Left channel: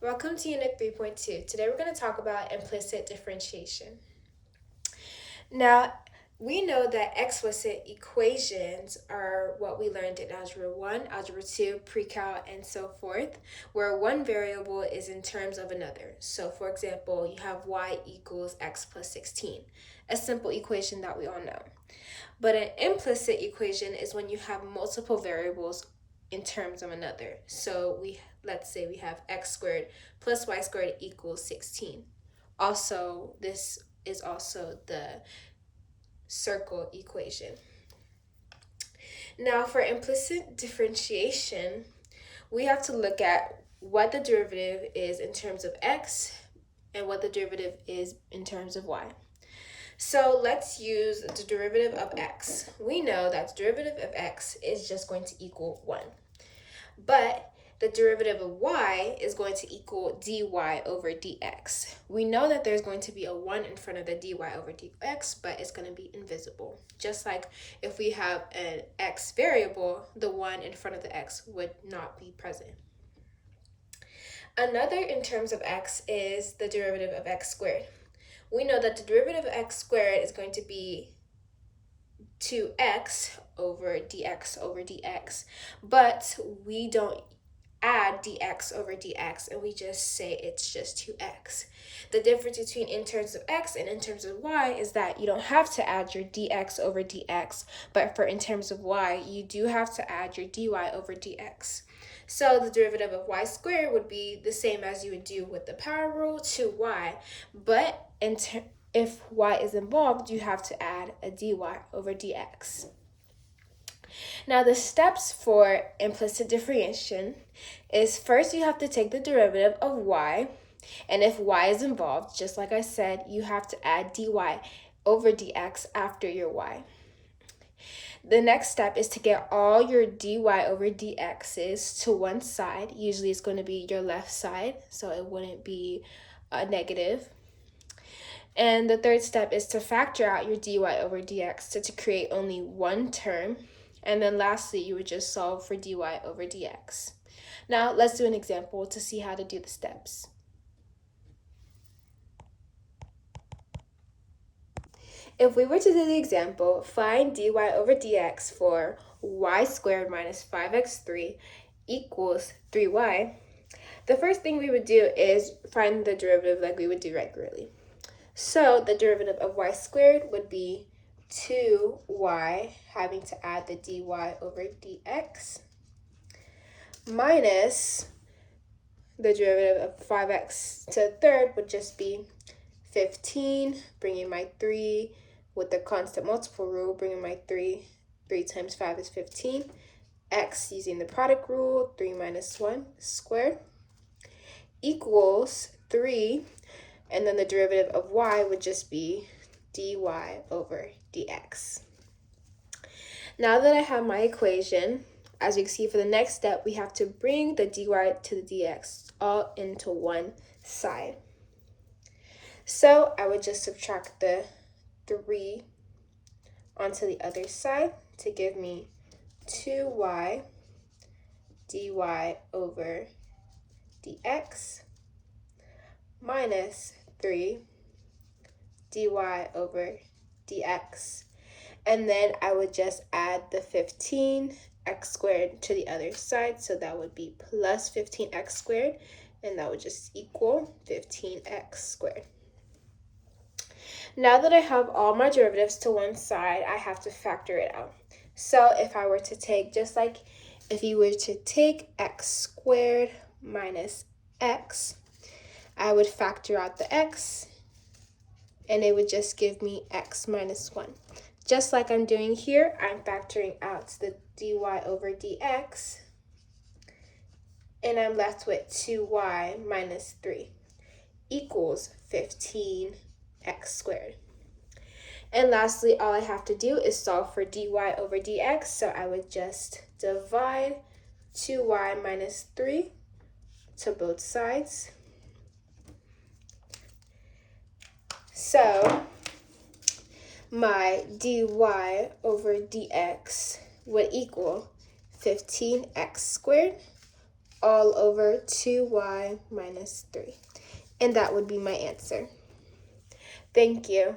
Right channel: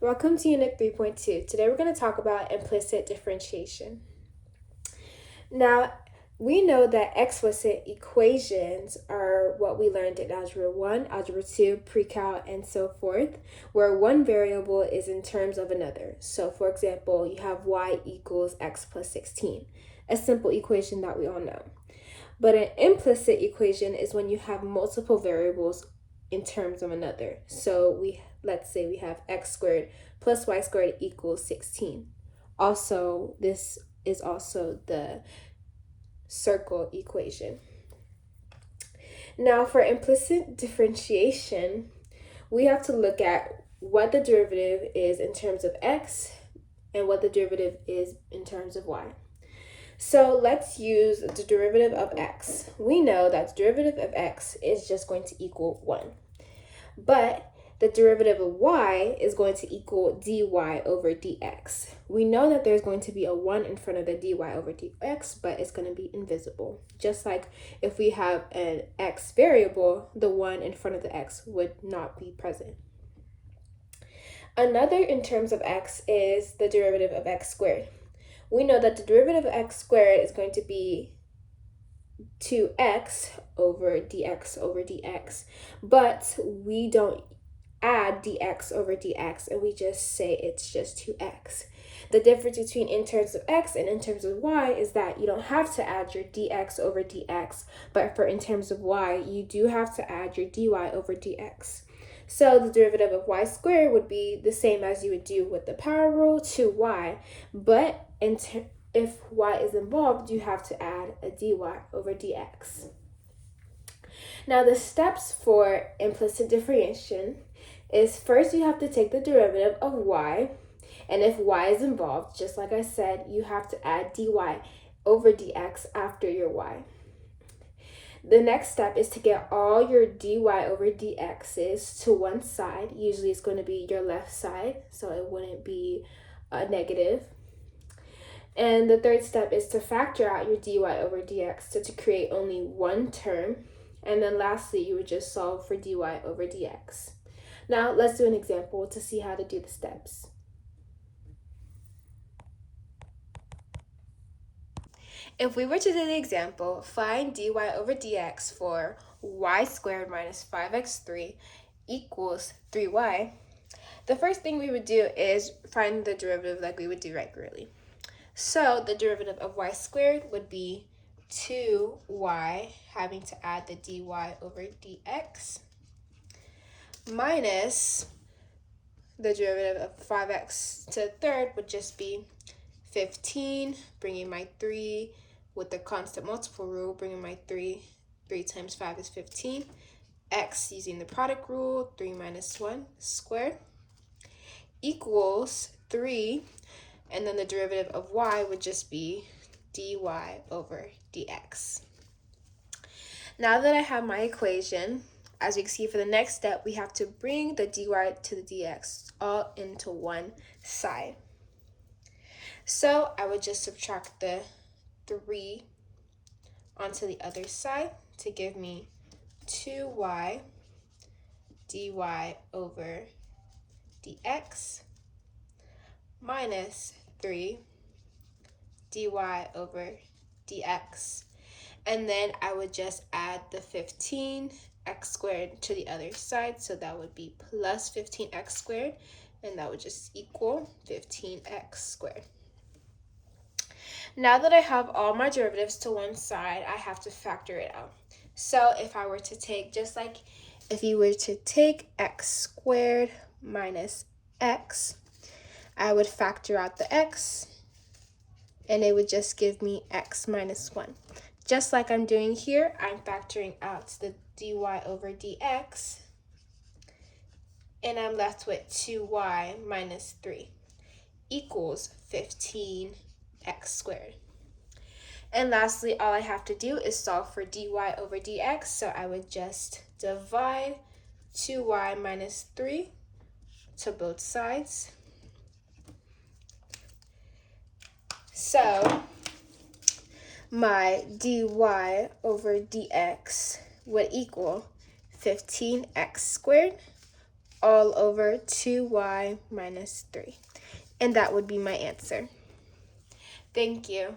Welcome to Unit 3.2. Today we're going to talk about implicit differentiation. Now, we know that explicit equations are what we learned in Algebra 1, Algebra 2, Pre-Cal, and so forth, where one variable is in terms of another. So, for example, you have y equals x plus 16, a simple equation that we all know. But an implicit equation is when you have multiple variables in terms of another. So let's say we have x squared plus y squared equals 16. Also, this is also the circle equation. Now, for implicit differentiation, we have to look at what the derivative is in terms of x and what the derivative is in terms of y. So let's use the derivative of x. We know that the derivative of x is just going to equal 1. But the derivative of y is going to equal dy over dx. We know that there's going to be a 1 in front of the dy over dx, but it's going to be invisible. Just like if we have an x variable, the 1 in front of the x would not be present. Another in terms of x is the derivative of x squared. We know that the derivative of x squared is going to be 2x over dx, but we don't add dx over dx and we just say it's just 2x. The difference between in terms of x and in terms of y is that you don't have to add your dx over dx, but for in terms of y, you do have to add your dy over dx. So the derivative of y squared would be the same as you would do with the power rule to y, but if y is involved, you have to add a dy over dx. Now the steps for implicit differentiation is first you have to take the derivative of y, and if y is involved, just like I said, you have to add dy over dx after your y. The next step is to get all your dy over dx's to one side. Usually it's going to be your left side, so it wouldn't be a negative. And the third step is to factor out your dy over dx to create only one term. And then lastly, you would just solve for dy over dx. Now let's do an example to see how to do the steps. If we were to do the example, find dy over dx for y squared minus 5x3 equals 3y, the first thing we would do is find the derivative like we would do regularly. So the derivative of y squared would be 2y, having to add the dy over dx, minus the derivative of 5x to the third would just be 15, bringing my 3 with the constant multiple rule, bringing my 3 times 5 is 15, x using the product rule, 3 minus 1 squared, equals 3, and then the derivative of y would just be dy over dx. Now that I have my equation, as you can see for the next step, we have to bring the dy to the dx all into one side. So I would just subtract the 3 onto the other side to give me 2y dy over dx minus 3 dy over dx. And then I would just add the 15x squared to the other side. So that would be plus 15x squared, and that would just equal 15x squared. Now that I have all my derivatives to one side, I have to factor it out. So if I were to take, just like if you were to take x squared minus x, I would factor out the x, and it would just give me x minus 1. Just like I'm doing here, I'm factoring out the dy over dx, and I'm left with 2y minus 3 equals 15x squared. And lastly, all I have to do is solve for dy over dx, so I would just divide 2y minus 3 to both sides. So my dy over dx would equal 15x squared all over 2y minus 3. And that would be my answer. Thank you.